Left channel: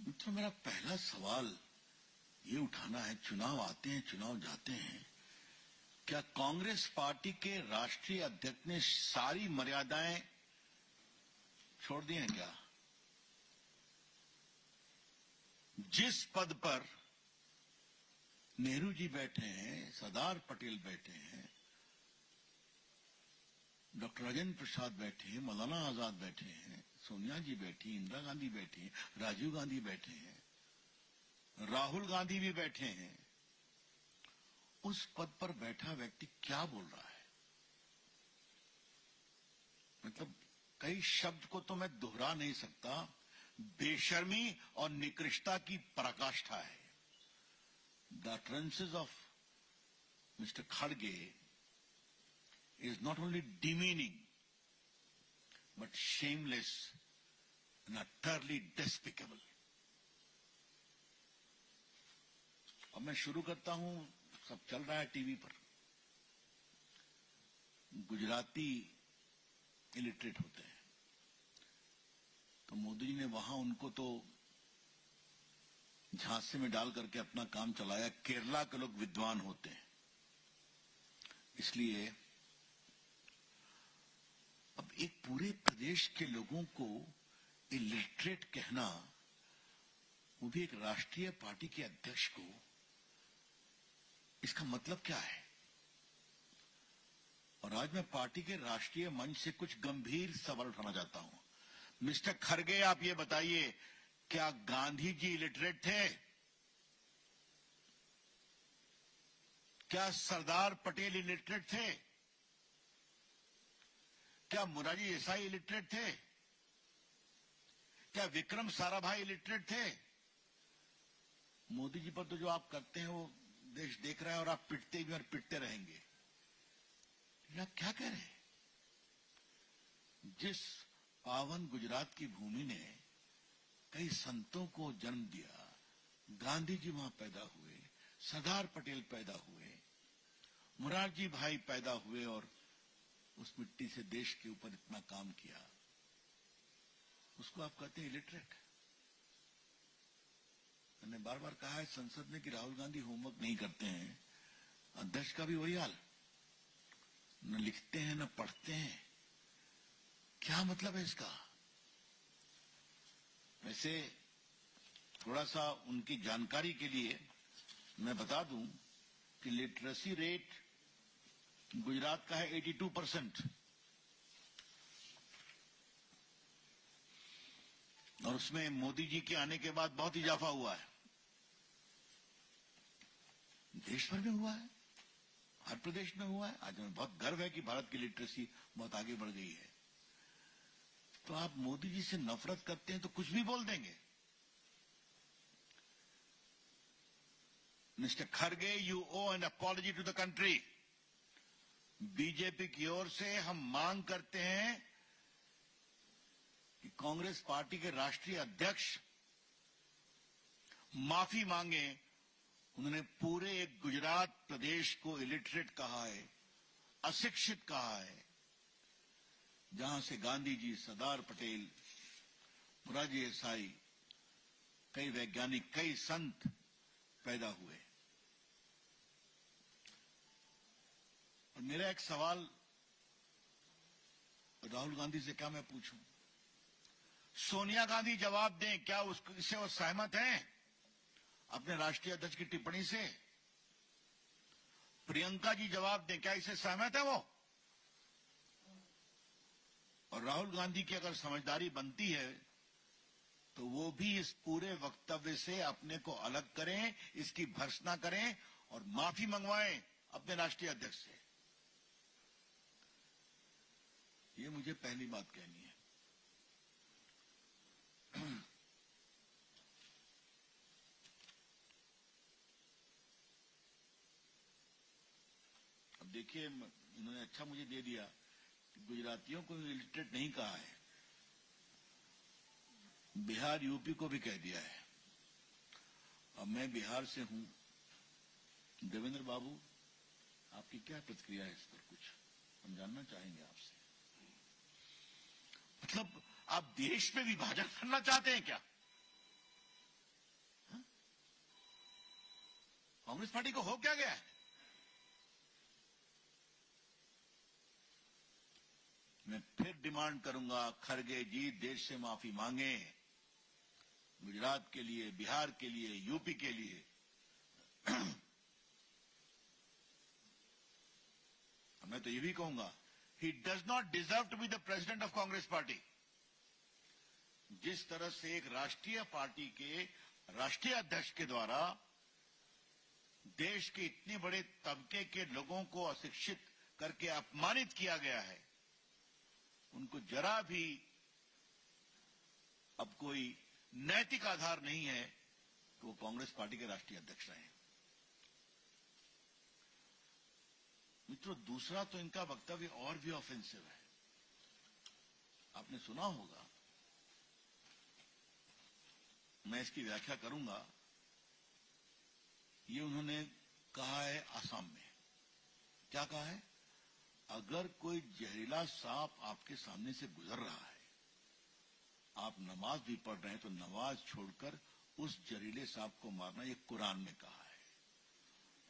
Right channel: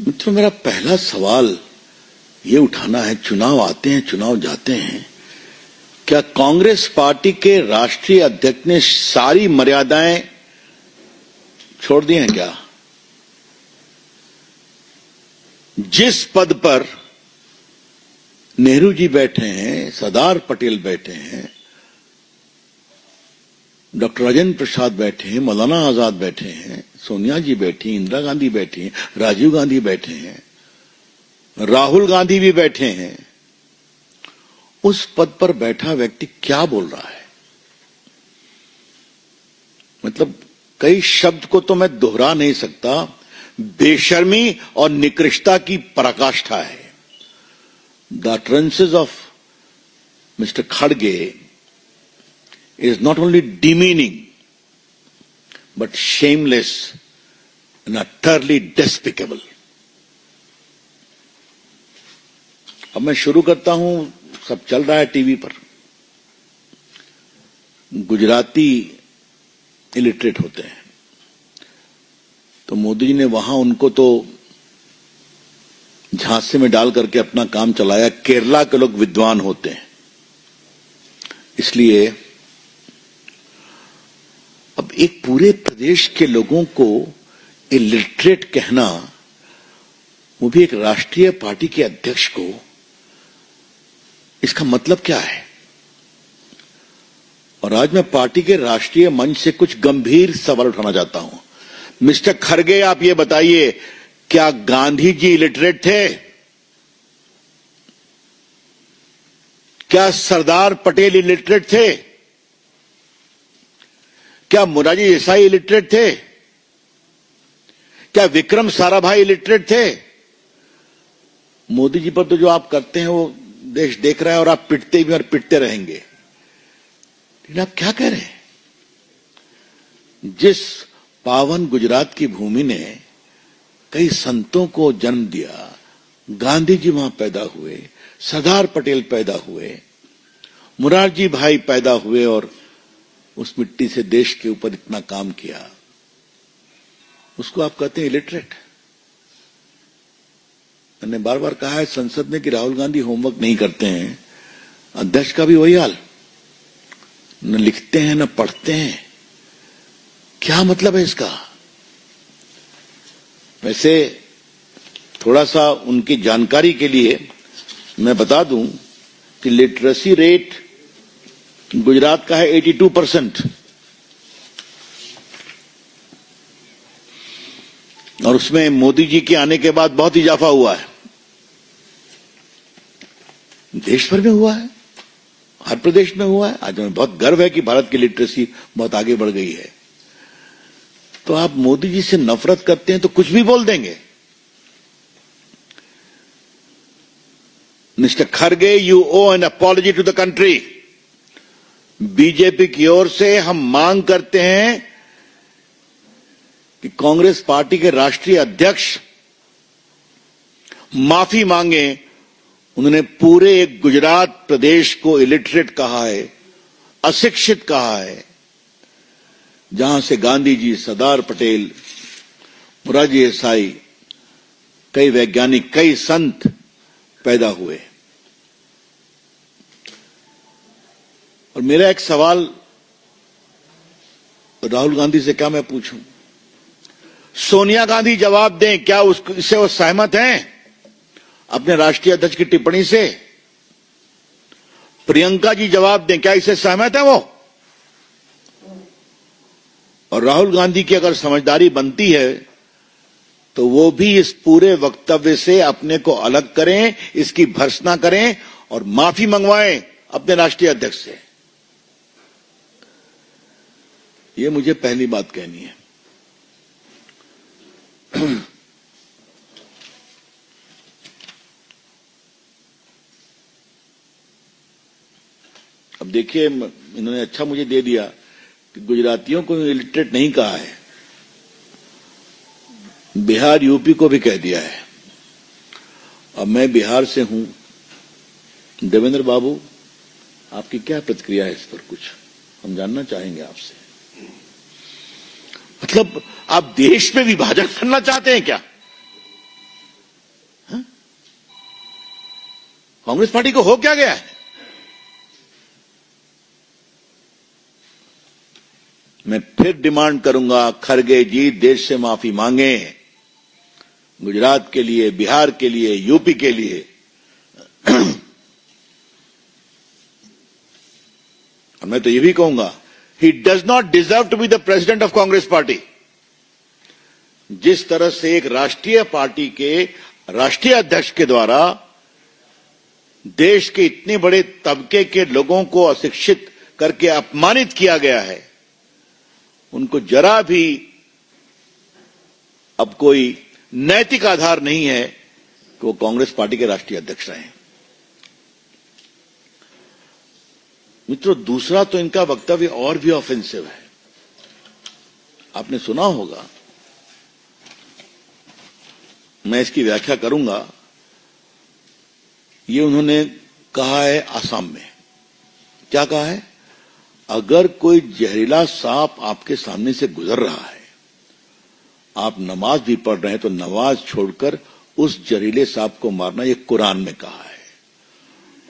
मित्रों, मेरा पहला सवाल ये उठाना है, चुनाव आते हैं, चुनाव जाते हैं, क्या कांग्रेस पार्टी के राष्ट्रीय अध्यक्ष ने सारी मर्यादाएं छोड़ दी हैं क्या? जिस पद पर नेहरू जी बैठे हैं, सरदार पटेल बैठे हैं, डॉक्टर राजेंद्र प्रसाद बैठे हैं, मौलाना आजाद बैठे हैं, सोनिया जी बैठी, इंदिरा गांधी बैठी हैं, राजीव गांधी बैठे हैं, राहुल गांधी भी बैठे हैं, उस पद पर बैठा व्यक्ति क्या बोल रहा है? मतलब कई शब्द को तो मैं दोहरा नहीं सकता, बेशर्मी और निकृष्टता की पराकाष्ठा है। The utterances of Mr. Kharge is not only demeaning but shameless and utterly despicable. अब मैं शुरू करता हूं, सब चल रहा है टीवी पर। गुजराती इलिटरेट होते हैं, तो मोदी जी ने वहां उनको तो झांसे में डाल करके अपना काम चलाया। केरला के लोग विद्वान होते हैं, इसलिए अब एक पूरे प्रदेश के लोगों को इलिटरेट कहना, वो भी एक राष्ट्रीय पार्टी के अध्यक्ष को, इसका मतलब क्या है? और आज मैं पार्टी के राष्ट्रीय मंच से कुछ गंभीर सवाल उठाना चाहता हूं। मिस्टर खरगे, आप ये बताइए, क्या गांधी जी इलिटरेट थे? क्या सरदार पटेल इलिटरेट थे? क्या मोरारजी देसाई इलिटरेट थे? क्या विक्रम साराभाई इलिटरेट थे? मोदी जी पर तो जो आप करते हैं वो देश देख रहा है, और आप पिटते भी और पिटते रहेंगे। लेकिन आप क्या कह रहे हैं? जिस पावन गुजरात की भूमि ने कई संतों को जन्म दिया, गांधी जी वहां पैदा हुए, सरदार पटेल पैदा हुए, मोरारजी भाई पैदा हुए, और उस मिट्टी से देश के ऊपर इतना काम किया, उसको आप कहते हैं इलिटरेट? मैंने बार बार कहा है संसद में कि राहुल गांधी होमवर्क नहीं करते हैं। अध्यक्ष का भी वही हाल, न लिखते हैं न पढ़ते हैं। क्या मतलब है इसका? वैसे थोड़ा सा उनकी जानकारी के लिए मैं बता दूं कि लिटरेसी रेट गुजरात का है 82%, और उसमें मोदी जी के आने के बाद बहुत इजाफा हुआ है। देश भर में हुआ है, हर प्रदेश में हुआ है। आज हमें बहुत गर्व है कि भारत की लिटरेसी बहुत आगे बढ़ गई है। तो आप मोदी जी से नफरत करते हैं तो कुछ भी बोल देंगे। Mister Kharge, you owe an apology to the country. BJP की ओर से हम मांग करते हैं कि कांग्रेस पार्टी के राष्ट्रीय अध्यक्ष माफी मांगे। उन्होंने पूरे एक गुजरात प्रदेश को इलिटरेट कहा है, अशिक्षित कहा है, जहां से गांधी जी, सरदार पटेल, मोरारजी देसाई, कई वैज्ञानिक, कई संत पैदा हुए। और मेरा एक सवाल राहुल गांधी से क्या मैं पूछूं? सोनिया गांधी जवाब दें, क्या इससे वो सहमत हैं अपने राष्ट्रीय अध्यक्ष की टिप्पणी से? प्रियंका जी जवाब दें, क्या इससे सहमत है वो? और राहुल गांधी की अगर समझदारी बनती है तो वो भी इस पूरे वक्तव्य से अपने को अलग करें, इसकी भर्त्सना करें और माफी मंगवाएं अपने राष्ट्रीय अध्यक्ष से। ये मुझे पहली बात कहनी है। अब देखिए, इन्होंने अच्छा मुझे दे दिया कि गुजरातियों को इलिटरेट नहीं कहा है, बिहार यूपी को भी कह दिया है। अब मैं बिहार से हूं, देवेंद्र बाबू, आपकी क्या प्रतिक्रिया है इस पर? कुछ हम जानना चाहेंगे आपसे। मतलब आप देश में विभाजन करना चाहते हैं क्या? कांग्रेस पार्टी को हो क्या गया है? मैं फिर डिमांड करूंगा, खड़गे जी देश से माफी मांगे, गुजरात के लिए, बिहार के लिए, यूपी के लिए। और मैं तो ये भी कहूंगा, he does not deserve to be the president of Congress party. जिस तरह से एक राष्ट्रीय पार्टी के राष्ट्रीय अध्यक्ष के द्वारा देश के इतने बड़े तबके के लोगों को अशिक्षित करके अपमानित किया गया है, उनको जरा भी अब कोई नैतिक आधार नहीं है कि वो कांग्रेस पार्टी के राष्ट्रीय अध्यक्ष रहे। मित्रों, दूसरा तो इनका वक्तव्य और भी ऑफेंसिव है। आपने सुना होगा, मैं इसकी व्याख्या करूंगा। ये उन्होंने कहा है आसाम में, क्या कहा है? अगर कोई जहरीला सांप आपके सामने से गुजर रहा है, आप नमाज भी पढ़ रहे हैं, तो नमाज छोड़कर उस जहरीले सांप को मारना, ये कुरान में कहा है।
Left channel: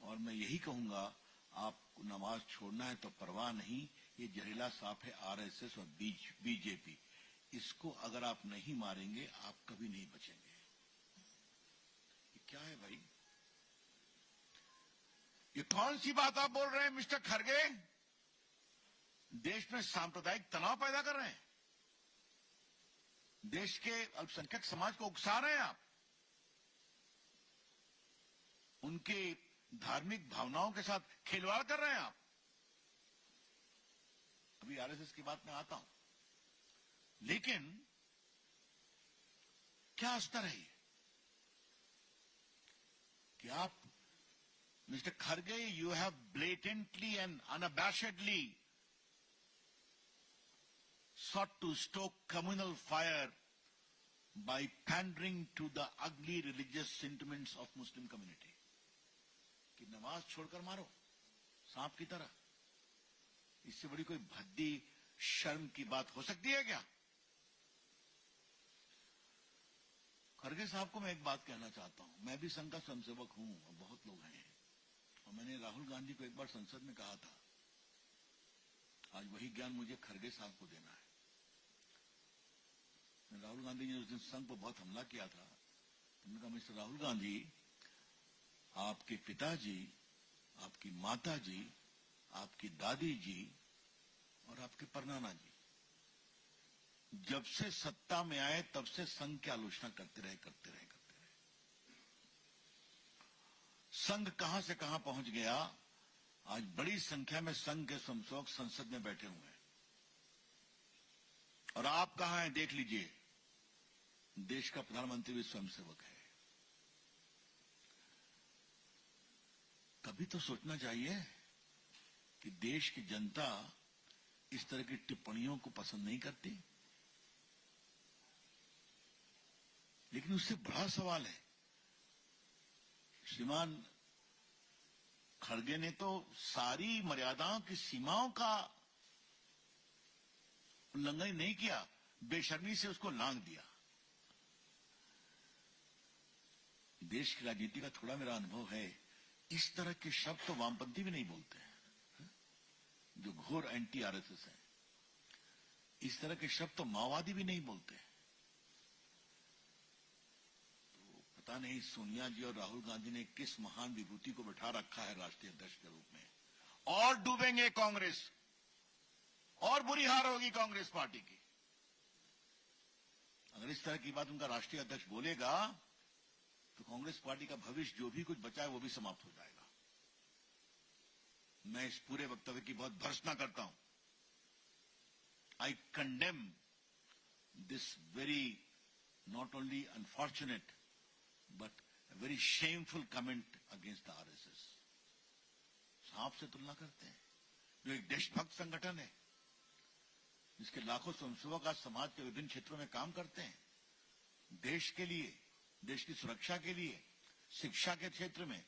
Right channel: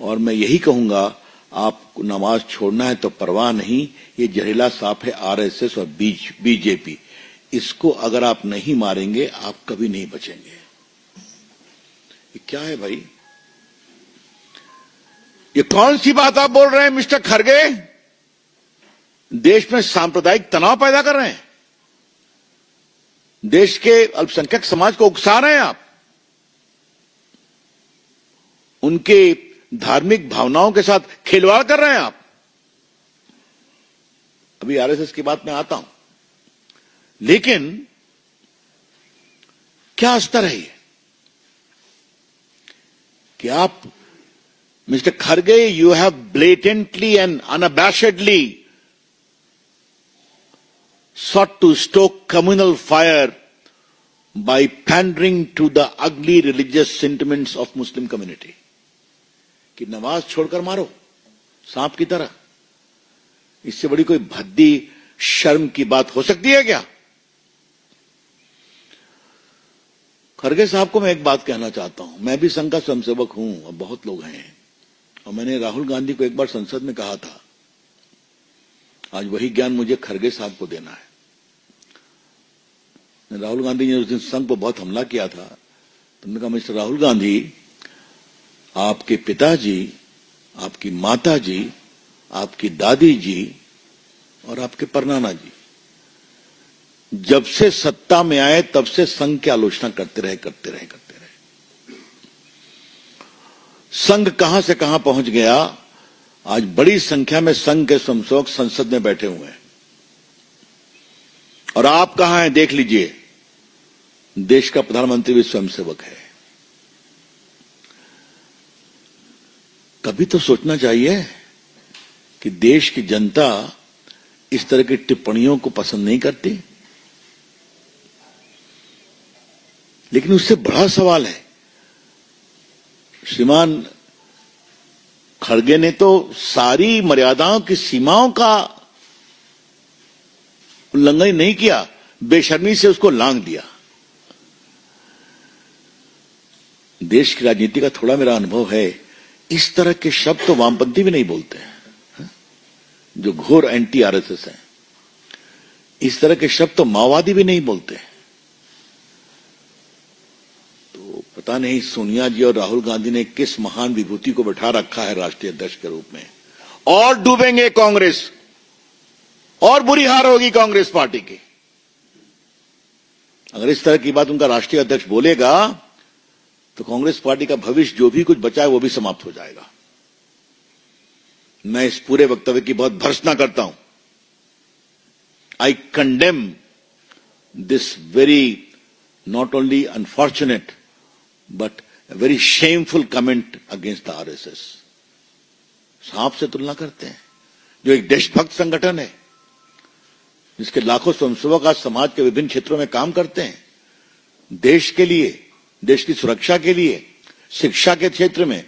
और मैं यही कहूंगा, आपको नमाज छोड़ना है तो परवाह नहीं, ये जहरीला सांप है आरएसएस और बीजेपी। इसको अगर आप नहीं मारेंगे, आप कभी नहीं बचेंगे। ये क्या है भाई? ये कौन सी बात आप बोल रहे हैं मिस्टर खड़गे? देश में सांप्रदायिक तनाव पैदा कर रहे हैं, देश के अल्पसंख्यक समाज को उकसा रहे हैं आप, उनके धार्मिक भावनाओं के साथ खिलवाड़ कर रहे हैं आप। अभी आरएसएस की बात में आता हूं, लेकिन क्या स्तर है ये कि आप मिस्टर खड़गे, you have blatantly and unabashedly sought to stoke communal fire by pandering to the ugly religious sentiments of Muslim community. कि नमाज छोड़कर मारो सांप की तरह। इससे बड़ी कोई भद्दी शर्म की बात हो सकती है क्या? खड़गे साहब को मैं एक बात कहना चाहता हूं। मैं भी संघ का स्वयंसेवक हूं और बहुत लोग हैं, और मैंने राहुल गांधी को एक बार संसद में कहा था, आज वही ज्ञान मुझे खड़गे साहब को देना है। राहुल गांधी ने उस दिन संघ पर बहुत हमला किया था, तो मैंने कहा, मिस्टर राहुल गांधी, आपके पिताजी, आपकी माताजी, आपकी दादी जी और आपके परनाना जी जब से सत्ता में आए तब से संघ की आलोचना करते रहे। संघ कहां से कहां पहुंच गया। आज बड़ी संख्या में संघ के स्वयंसेवक संसद में बैठे हुए हैं, और आप कहां हैं देख लीजिए। देश का प्रधानमंत्री भी स्वयंसेवक है। कभी तो सोचना चाहिए कि देश की जनता इस तरह की टिप्पणियों को पसंद नहीं करती। लेकिन उससे बड़ा सवाल है, श्रीमान खड़गे ने तो सारी मर्यादाओं की सीमाओं का उल्लंघन नहीं किया, बेशर्मी से उसको लांघ दिया। देश की राजनीति का थोड़ा मेरा अनुभव है, इस तरह के शब्द तो वामपंथी भी नहीं बोलते हैं, जो घोर एंटी आरएसएस हैं। इस तरह के शब्द तो माओवादी भी नहीं बोलते हैं। तो पता नहीं सोनिया जी और राहुल गांधी ने किस महान विभूति को बैठा रखा है राष्ट्रीय अध्यक्ष के रूप में। और डूबेंगे कांग्रेस, और बुरी हार होगी कांग्रेस पार्टी की। अगर इस तरह की बात उनका राष्ट्रीय अध्यक्ष बोलेगा तो कांग्रेस पार्टी का भविष्य जो भी कुछ बचा है वो भी समाप्त हो जाएगा। मैं इस पूरे वक्तव्य की बहुत भर्त्सना करता हूं। आई condemn this very not only unfortunate but very shameful comment against the RSS. सांप से तुलना करते हैं, जो एक देशभक्त संगठन है, जिसके लाखों स्वयंसेवक आज समाज के विभिन्न क्षेत्रों में काम करते हैं, देश के लिए, देश की सुरक्षा के लिए, शिक्षा के क्षेत्र में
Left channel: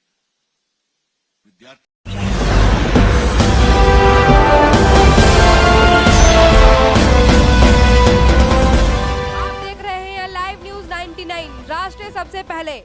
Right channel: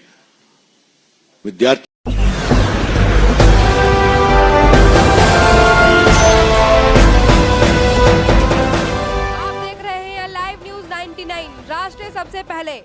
विद्यार्थी। आप देख रहे हैं लाइव न्यूज 99, राष्ट्र सबसे पहले।